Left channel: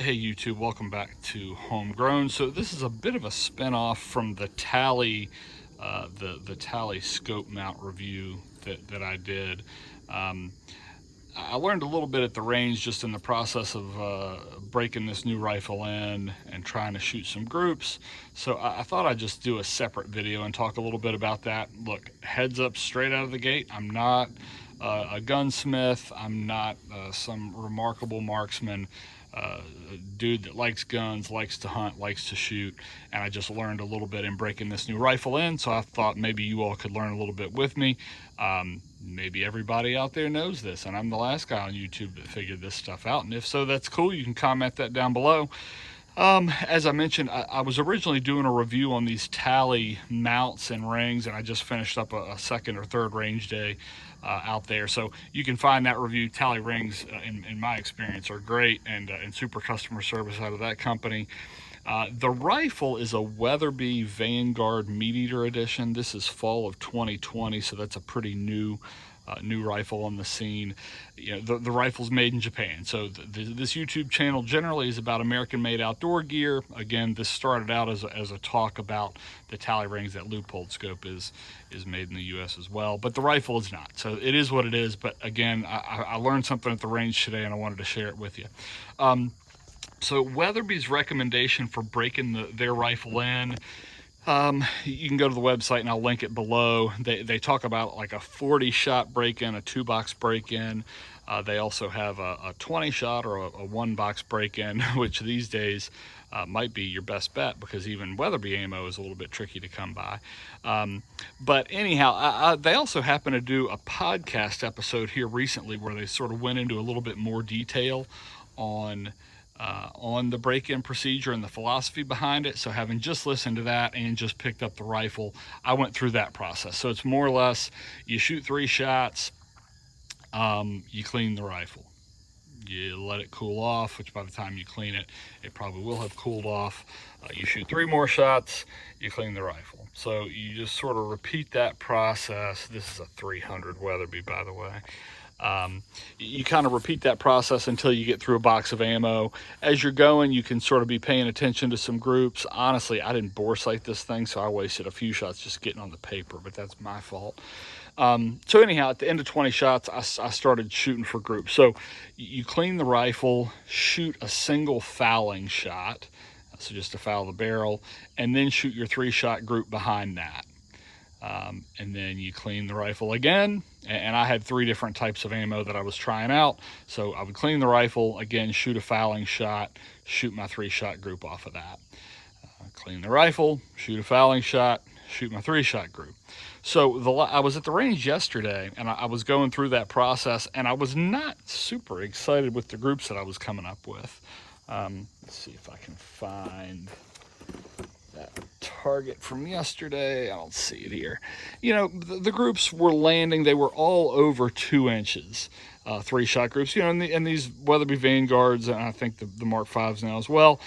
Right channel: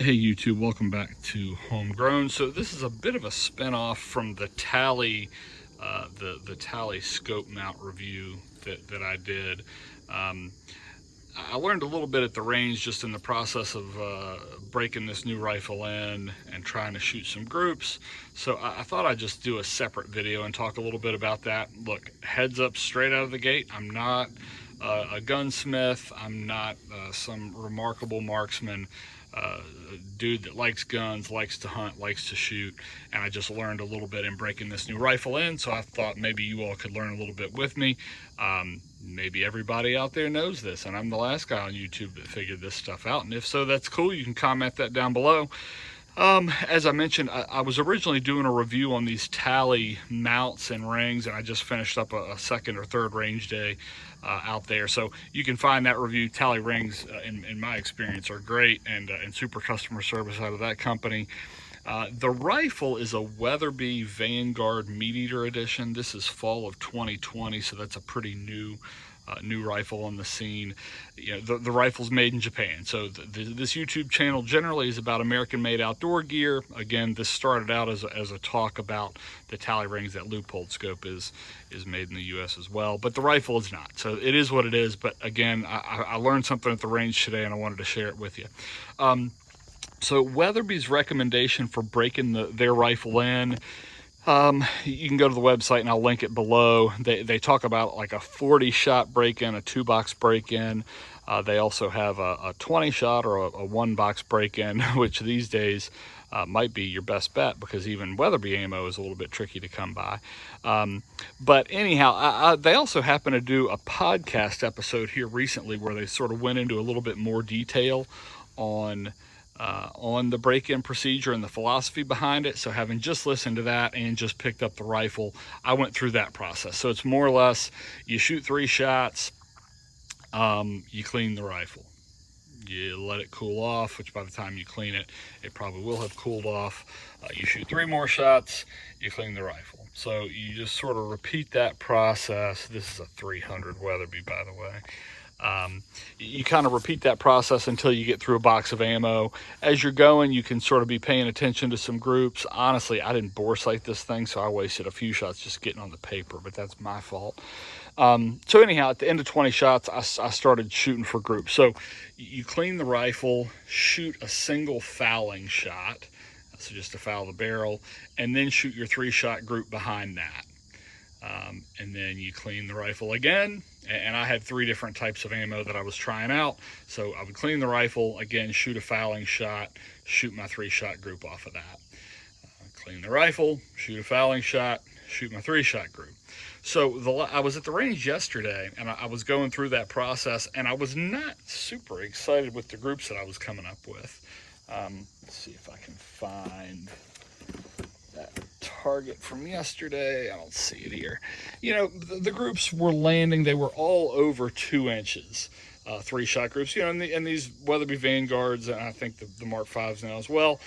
Hey YouTube, welcome back to Homegrown. So this is a bit of a spin-off from the Tally, the Tally scope mount review that I did. I learned a little bit at the range just in the process of breaking this new rifle in and trying to shoot some groups. So I thought I'd just do a separate video and talk a little bit about that. Look, heads up straight out of the gate, I'm not a gunsmith. I'm not some remarkable marksman. Dude that likes guns, likes to hunt, likes to shoot, and I just learned a little bit in breaking this new rifle in, so I thought maybe you all could learn a little bit with me. Maybe everybody out there knows this, and I'm the last guy on YouTube that figured this stuff out, and if so, that's cool. You can comment that down below. As I mentioned, I was originally doing a review on these Tally mounts and rings, and I just finished up a second or third range day out there. So you can find that review. Tally rings, in my experience, are great and super customer service out of that company. The rifle is a Weatherby Vanguard Meateater Edition. This is fall of 2020, so that's a pretty new rifle on the scene. You know, the rifle's made in Japan. So this YouTube channel generally is about American-made outdoor gear. Again, this started out as a talk about the Tally rings. That Leupold scope is made in the US as well, but the rifle is not. So it is what it is. But again, I learned something at the range today and I wanted to share it with you. So Weatherby's recommendation for breaking their rifle in, you can go to the website and I'll link it below. They talk about like a 40 shot break-in, a 2-box break-in. They also have a 20 shot or a 1-box break-in, which these days might be your best bet because even Weatherby ammo is a little bit tricky to come by. But anyhow, they also happen to do a podcast episode here recently where they sort of went into a little bit more detail on the break-in procedure and the philosophy behind it. So having just listened to that and just picked up the rifle, I went through that process. So it's more or less, you shoot 3 shots, you clean the rifle, you let it cool off, which by the time you clean it, it probably will have cooled off. You shoot 3 more shots, you clean the rifle. So you just sort of repeat that process. This is a 300 Weatherby, by the way. You kind of repeat that process until you get through a box of ammo. As you're going, you can sort of be paying attention to some groups. Honestly, I didn't bore sight this thing, so I wasted a few shots just getting on the paper, but that's my fault. So anyhow, at the end of 20 shots, I started shooting for groups. So you clean the rifle, shoot a single fouling shot, so just to foul the barrel, and then shoot your 3-shot group behind that. And then you clean the rifle again, and I had 3 different types of ammo that I was trying out. So I would clean the rifle, again, shoot a fouling shot, shoot my 3-shot group off of that. Clean the rifle, shoot a fouling shot, shoot my 3-shot group. So I was at the range yesterday, and I was going through that process, and I was not super excited with the groups that I was coming up with. Let's see if I can find that target from yesterday. I don't see it here. You know, the groups were landing. They were all over 2 inches, 3-shot groups. You know, and these Weatherby Vanguards, and I think the Mark 5s now as well,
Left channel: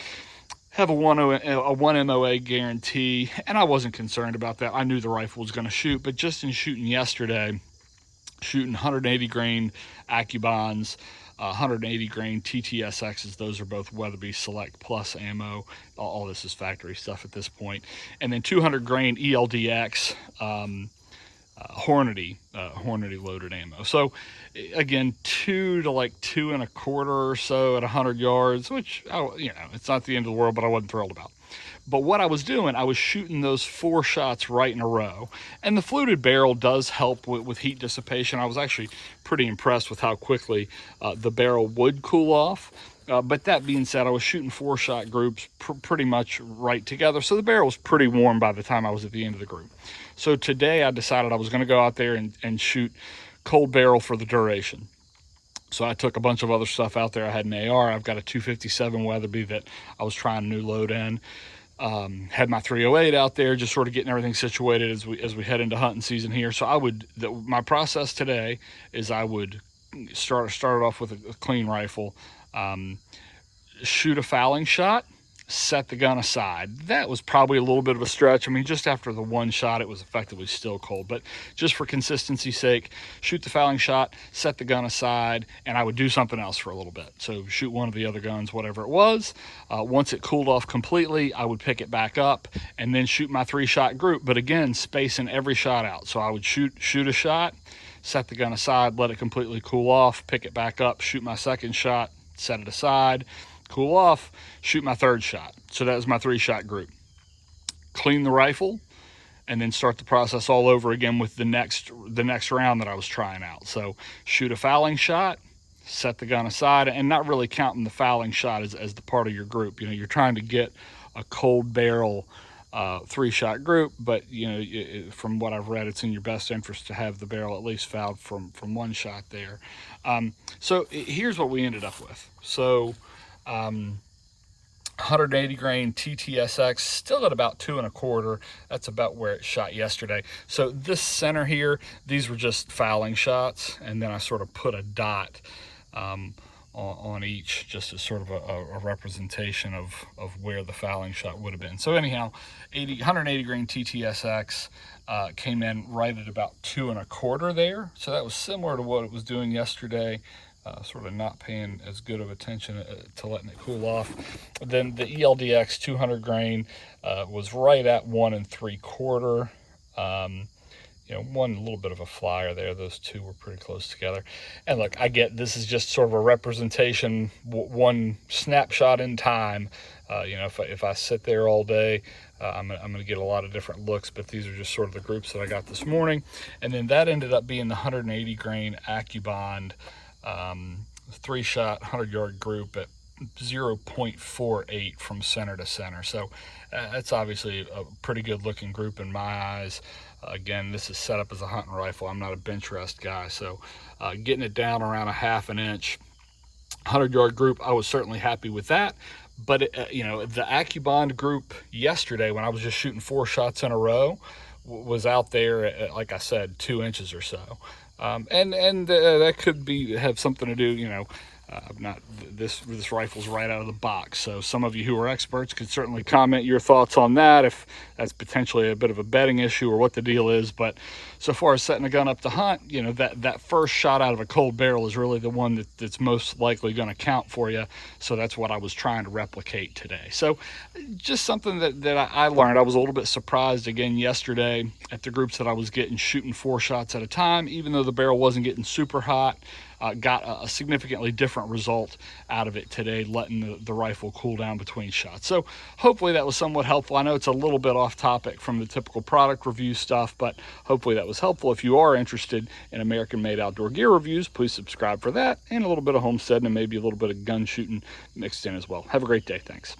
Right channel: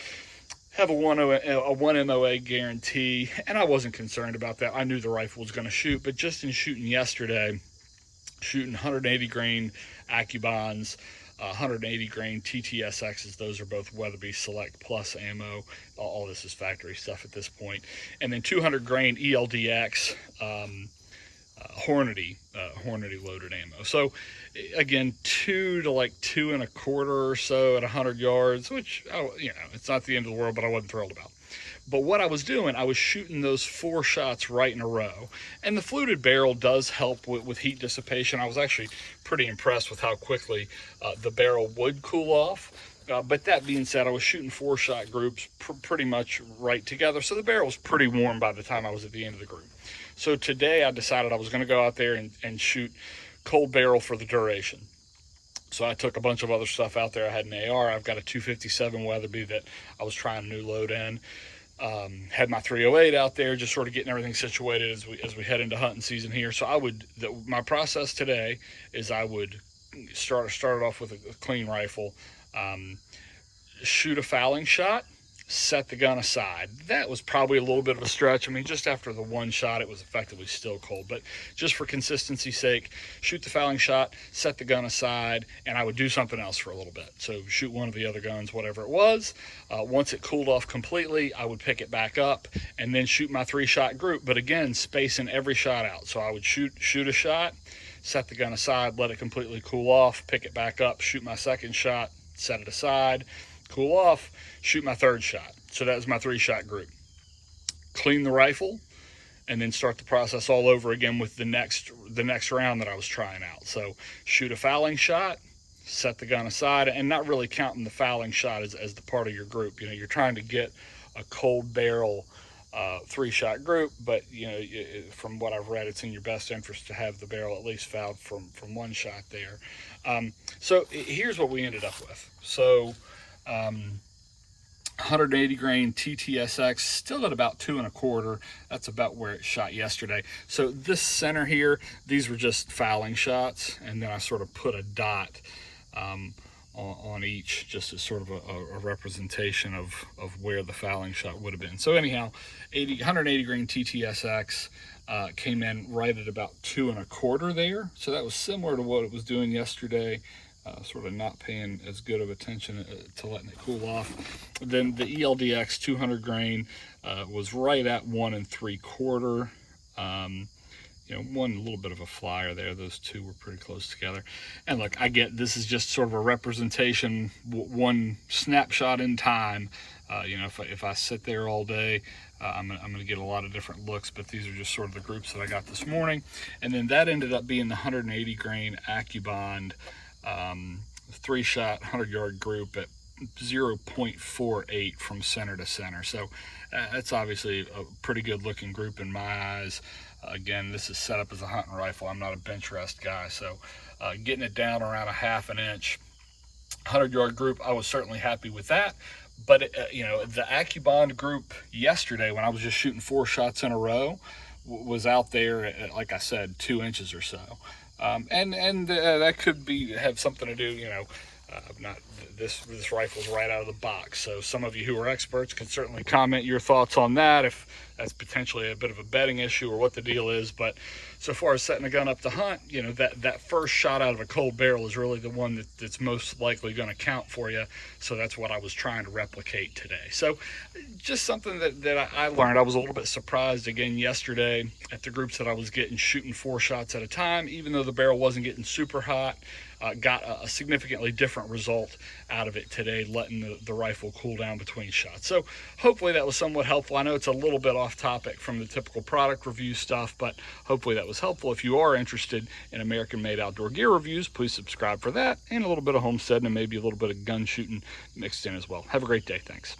have a 1 MOA guarantee, and I wasn't concerned about that. I knew the rifle was going to shoot, but just in shooting yesterday, shooting 180 grain Accubonds, 180 grain TTSXs, those are both Weatherby Select Plus ammo. All this is factory stuff at this point. And then 200 grain ELD-X Hornady loaded ammo. So again, 2 to like 2 1/4 or so at 100 yards, which, you know, it's not the end of the world, but I wasn't thrilled about. But what I was doing, I was shooting those 4 shots right in a row. And the fluted barrel does help with heat dissipation. I was actually pretty impressed with how quickly the barrel would cool off. But that being said, I was shooting 4-shot groups pretty much right together. So the barrel was pretty warm by the time I was at the end of the group. So today I decided I was going to go out there and shoot cold barrel for the duration. So I took a bunch of other stuff out there. I had an AR. I've got a 257 Weatherby that I was trying a new load in. Had my 308 out there, just sort of getting everything situated as we head into hunting season here. So my process today is I would start off with a clean rifle, shoot a fouling shot, set the gun aside. That was probably a little bit of a stretch. I mean, just after the one shot, it was effectively still cold, but just for consistency's sake, shoot the fouling shot, set the gun aside, and I would do something else for a little bit. So shoot one of the other guns, whatever it was. Once it cooled off completely, I would pick it back up and then shoot my 3-shot group, but again, spacing every shot out. So I would shoot a shot, set the gun aside, let it completely cool off, pick it back up, shoot my 2nd shot, set it aside, cool off, shoot my 3rd shot. So that was my 3-shot group. Clean the rifle, and then start the process all over again with the next round that I was trying out. So shoot a fouling shot, set the gun aside, and not really counting the fouling shot as the part of your group. You know, you're trying to get a cold barrel 3-shot group, but you know, from what I've read, it's in your best interest to have the barrel at least fouled from 1 shot there. So here's what we ended up with. So 180 grain TTSX, still at about 2 1/4. That's about where it shot yesterday. So this center here, these were just fouling shots, and then I sort of put a dot on each, just as sort of a representation of where the fouling shot would have been. So anyhow, 180 grain TTSX came in right at about 2 1/4 there. So that was similar to what it was doing yesterday. Sort of not paying as good of attention to letting it cool off. Then the ELD-X 200 grain was right at 1 3/4. You know, one little bit of a flyer there. Those two were pretty close together. And look, I get this is just sort of a representation, one snapshot in time. You know, if I sit there all day, I'm gonna get a lot of different looks, but these are just sort of the groups that I got this morning. And then that ended up being the 180 grain Accubond 3-shot 100-yard group at 0.48 from center to center. So that's obviously a pretty good looking group in my eyes. Again, this is set up as a hunting rifle. I'm not a bench rest guy, so getting it down around a 1/2 inch 100-yard group, I was certainly happy with that. But you know, the Accubond group yesterday, when I was just shooting 4 shots in a row, was out there at, like I said, 2 inches or so. And that could have something to do, you know, this rifle's right out of the box. So some of you who are experts can certainly comment your thoughts on that, if that's potentially a bit of a betting issue or what the deal is. But so far as setting a gun up to hunt, you know, that first shot out of a cold barrel is really the one that's most likely going to count for you. So that's what I was trying to replicate today. So just something that I learned. I was a little bit surprised again yesterday at the groups that I was getting, shooting 4 shots at a time, even though the barrel wasn't getting super hot. Got a significantly different result out of it today, letting the rifle cool down between shots. So hopefully that was somewhat helpful. I know it's a little bit off topic from the typical product review stuff, but hopefully that was helpful. If you are interested in American-made outdoor gear reviews, please subscribe for that, and a little bit of homesteading and maybe a little bit of gun shooting mixed in as well. Have a great day. Thanks.